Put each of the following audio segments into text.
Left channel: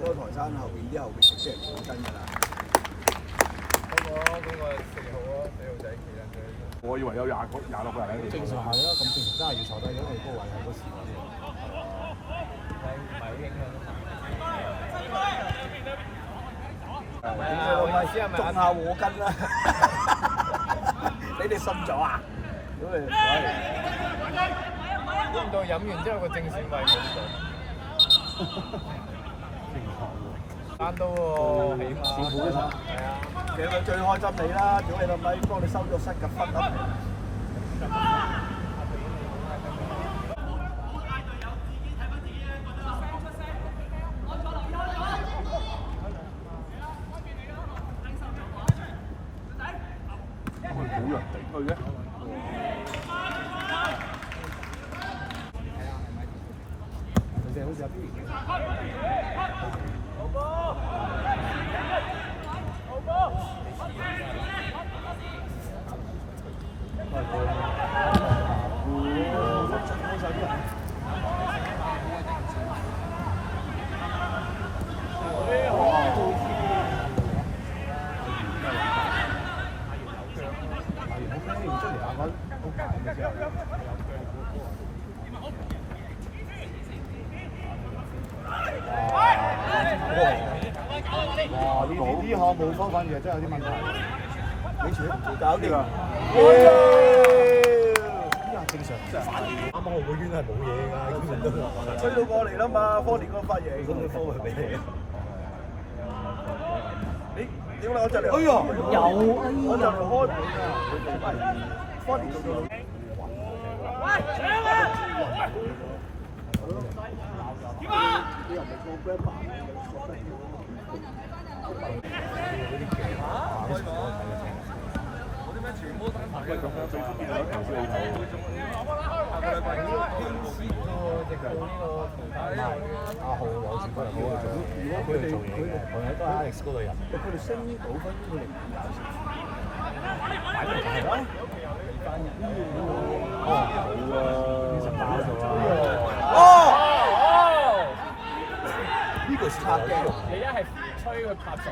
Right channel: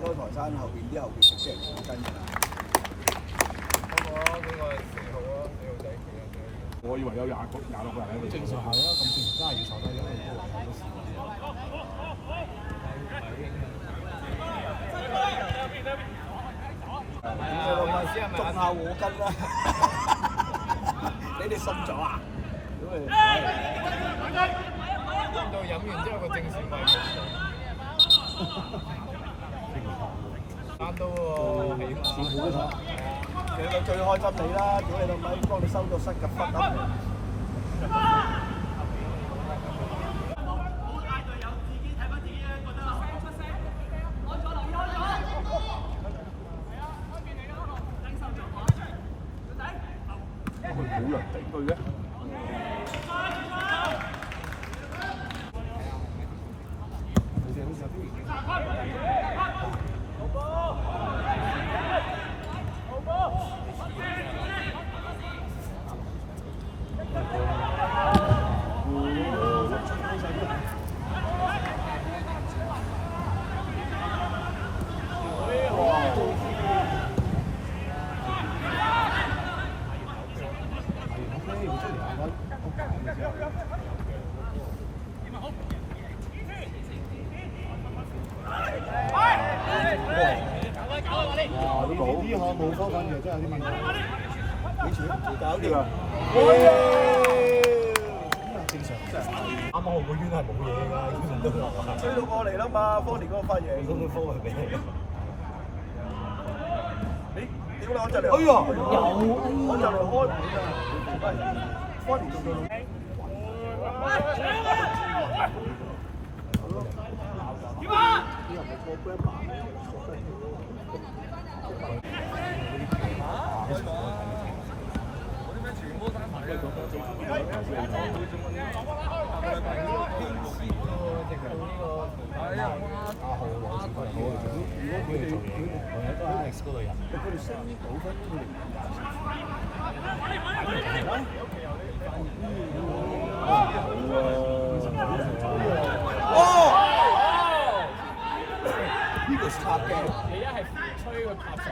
嗰個台山後邊啲後邊食先係講真㗎啦。我以為有26個人喺度。正常係咯，咁正常真係要坐低，因為嗰個位好多時間。種下禍根啦！你哋信咗啊？到飲完之後個正善位冇到，啱到喎，起碼好嘅場。其實最開心你啦，屌你老味，幫你收到失嘅分啊！佢冇人頂佢嘅。呢項冇科分嘅，真係有啲問題。幾錢？搞掂啊！正常，啱啱好個圈係冇嘢㗎，吹到過嚟啦嘛，科連嗰個髮型。咁都科佢俾你。屌啦！我就嚟。哎呀！有，我就嚟開門啊！科連做到。喂，搶啊！點啊？開咗啊！我啲咩全部單排嘅，咁樣最中意兩條線頭，下個禮拜要天師喎，直頭呢個係啊！阿豪攞錢好啊！如果佢哋我喺都喺 X 嗰度入，佢哋升到分佢哋哦！呢個係插機，你一係吹佢拍水。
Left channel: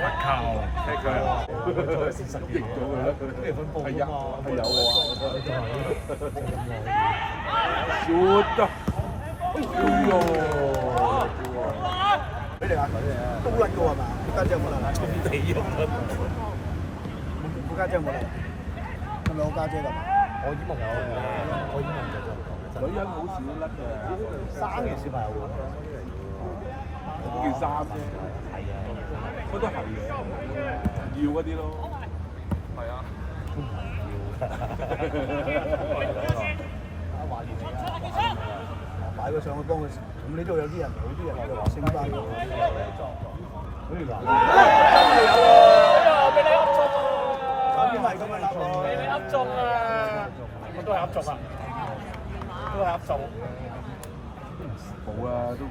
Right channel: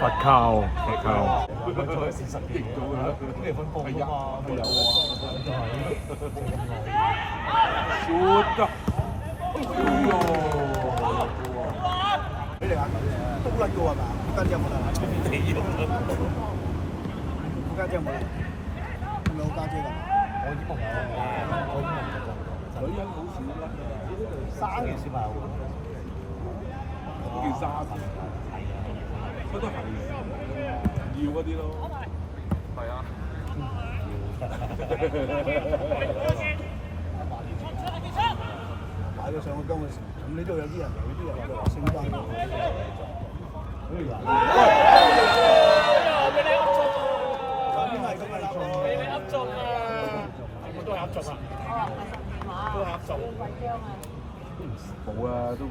發靠，踢佢。事實認咗嘅，咩分佈啊嘛？係有啊。俾你眼睇嘅，都甩嘅喎係嘛？家姐有冇啦？地啊！我家姐有冇啦？係咪我家姐㗎？我已經冇啦，女人好少甩㗎，生嘅小朋友件衫啫，佢都係要嗰啲咯。係啊。擺咗上去幫佢，咁呢度有啲人，有啲人就話升翻嘅。俾你噏中啊！邊係咁啊？俾你噏中啊！我都係噏中啊，都係噏中。冇啊，都冇。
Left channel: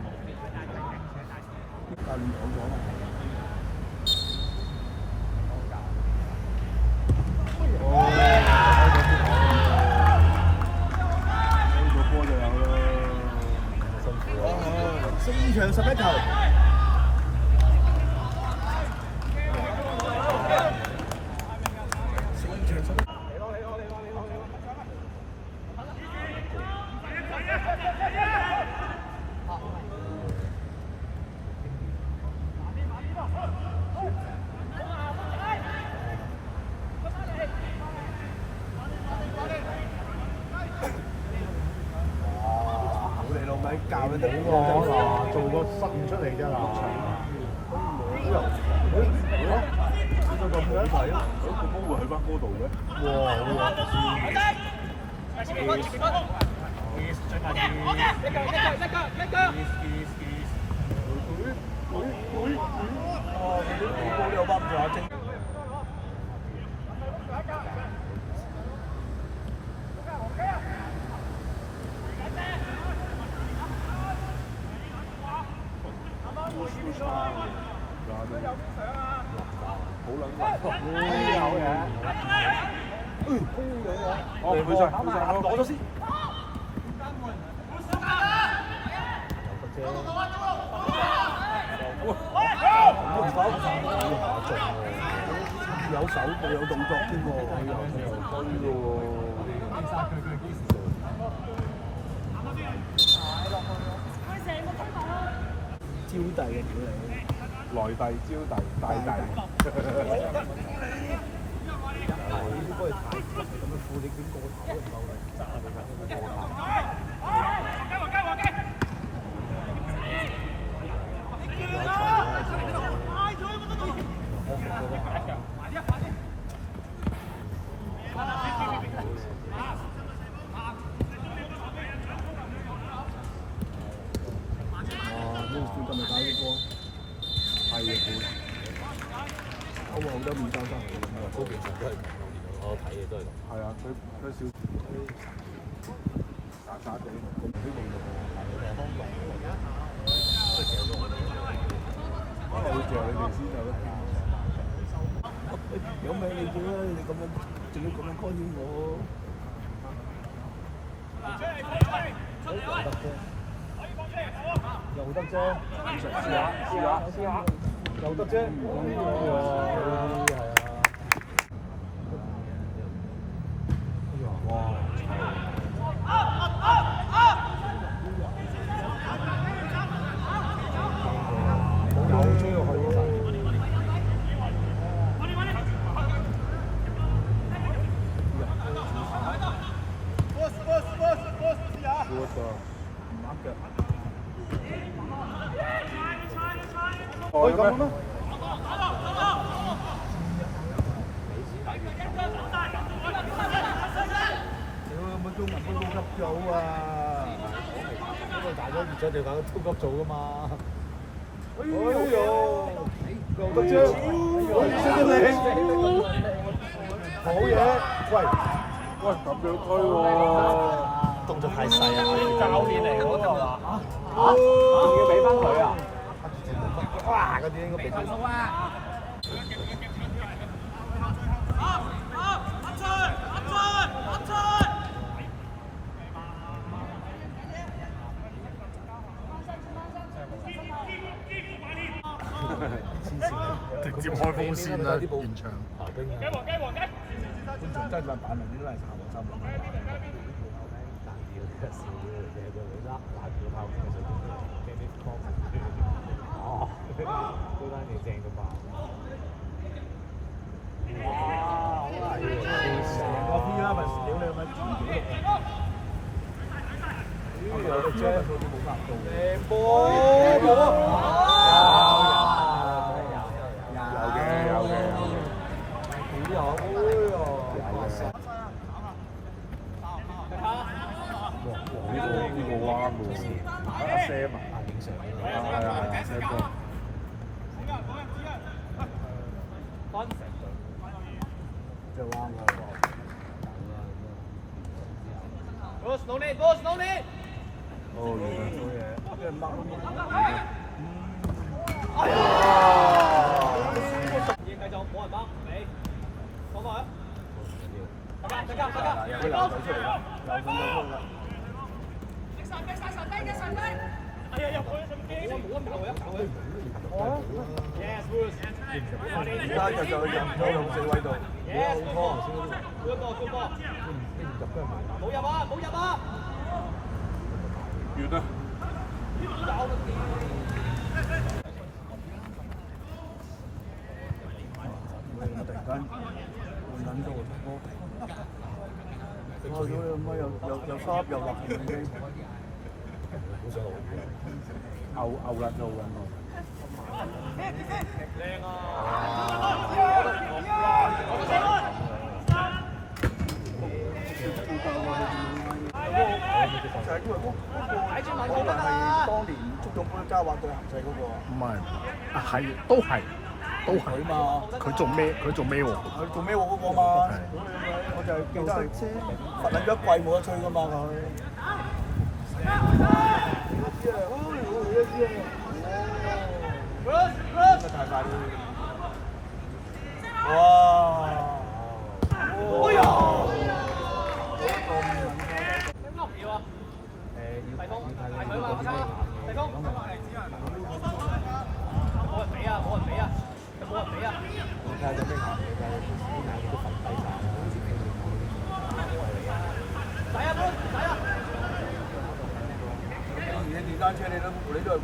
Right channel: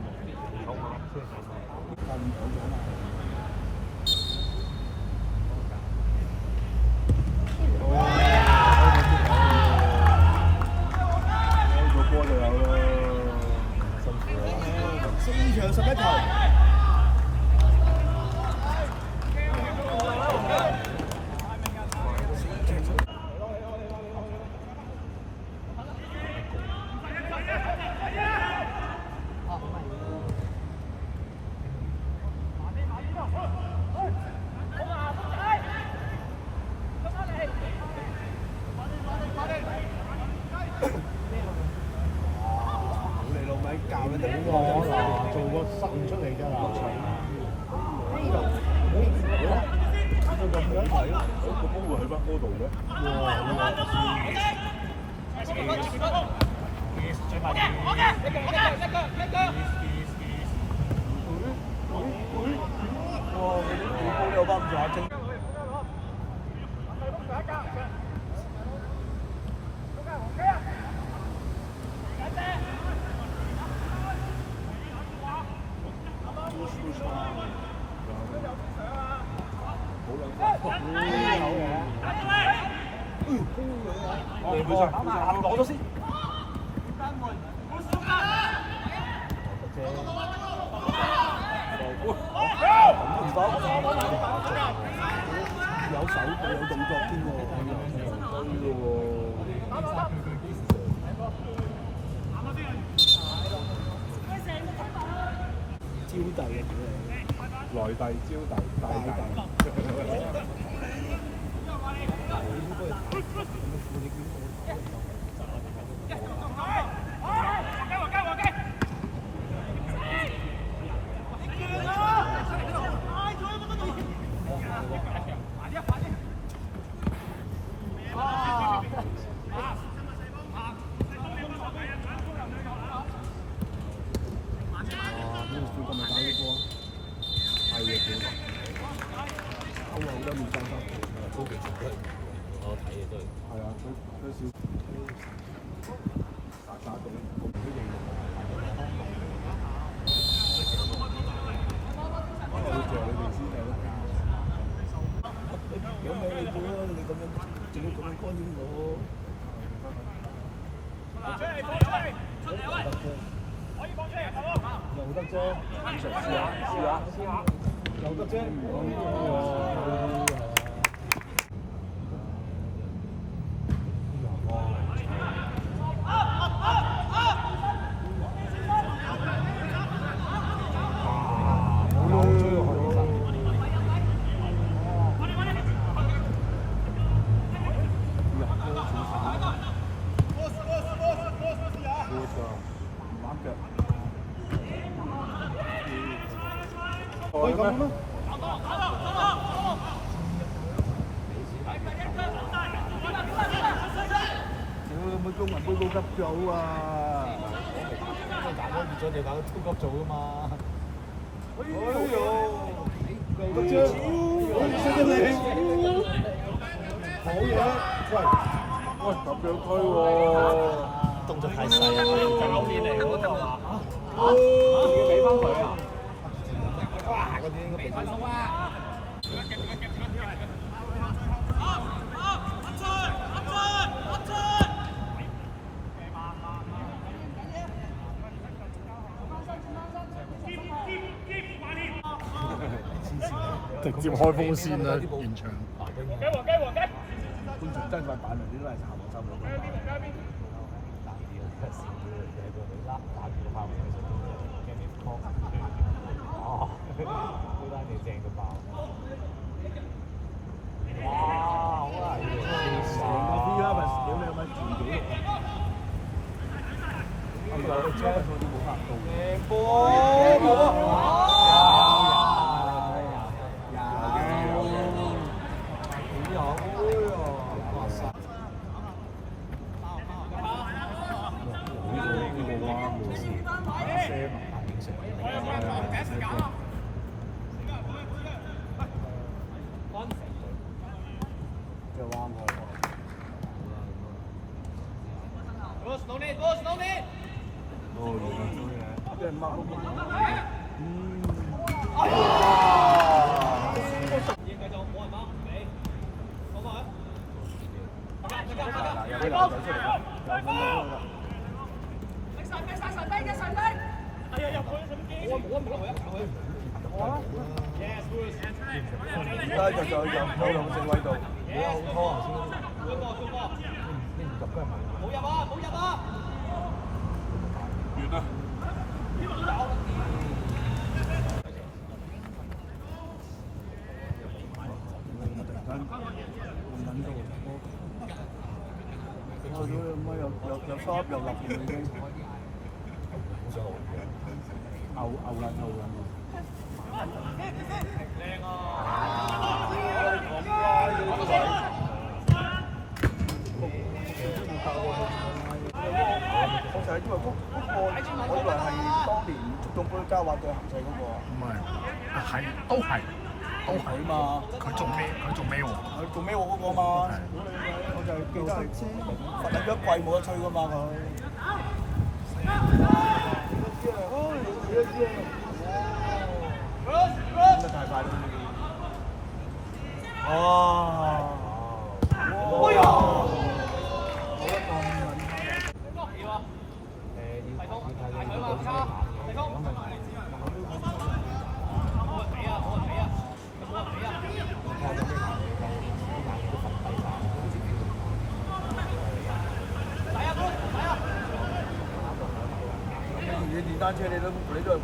開個波就有啦。4場11球。教你哋好啊！做個新出嚟啫嗱。做咁樣係咯，個波會去翻嗰度嘅。哇！哦，佢上攞咗先。有手有動作添喎，係喎。招弟嘅屌你！來弟招弟大弟。係嘅，我話好多面生生，都其實都係我睇嘅都係。係啊，佢少沙沙地，唔知用唔用。可能會謝你哋先係咯。有咩你做啦？你咁樣仲要咁樣干擾我？又得啫，試下，又得啫。可以咁咩？有冇中文杯高級組啊？大家熱咗條搞超級組啊嘛！哎呦，又得啫，識得你，好嘢！喂，咁樣推喎，動作太細啊！教練嚟嗰個係嘛？仲要俾翻佢啊！哇！嗰啲應該俾佢。直接開風扇啦，現場。觀眾真係話扮埋啲都係炒黃心。牛撚。加滑對行制嗰個，唔係，係都係佢嘛，佢做咩？佢做咩喎？佢做咩喎嗰個嘛？我就記得係罰緊一季冇得吹㗎嘛佢。真係太快啦！哦，你電單車你都都係和。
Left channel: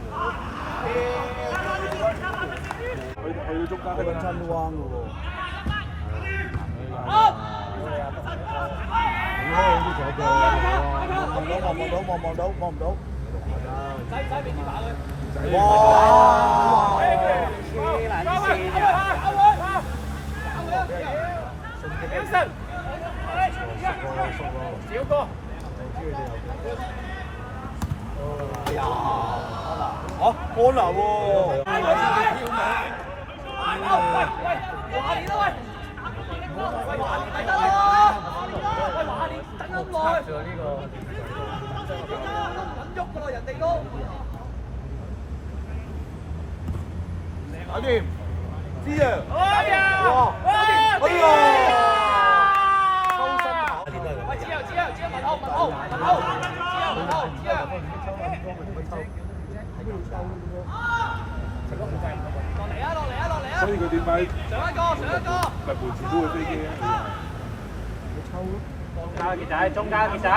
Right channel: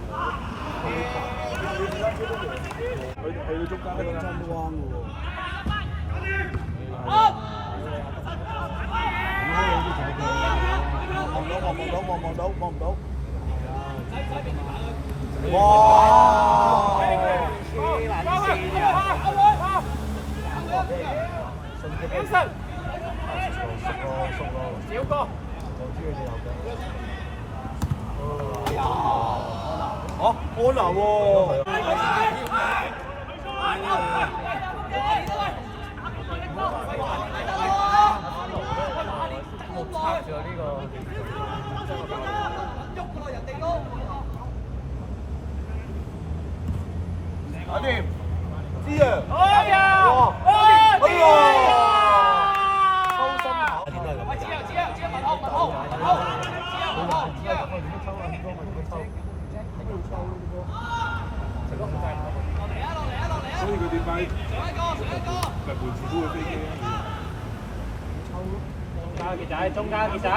去到中間得㗎啦。真彎嘅喎。望唔到。哇！好，安娜喎。搞掂，知啊！哎呀！所以佢點解入門前都會飛機咧？中間傑仔，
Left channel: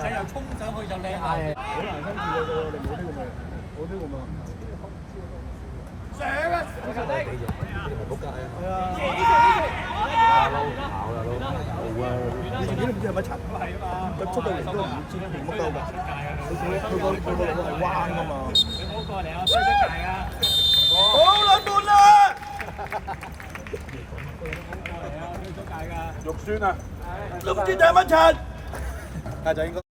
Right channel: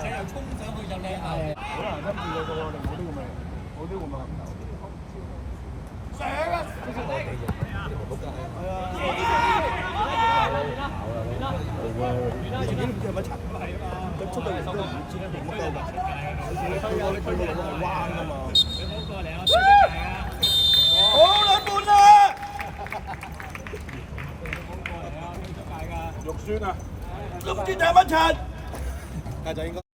仔又衝上去就靚下。好難跟住嘅喎，我哋冇呢個命，冇呢個命。上啊！仆街啊！係啊！好啊！自己都唔知係咪沉係啊嘛，佢出到嚟都唔知點乜鳩㗎。佢個路係彎㗎嘛。你唔好過嚟啊！追得大啊！好兩半啦！肉酸啊！都唔知掟乜柒，家仔應該。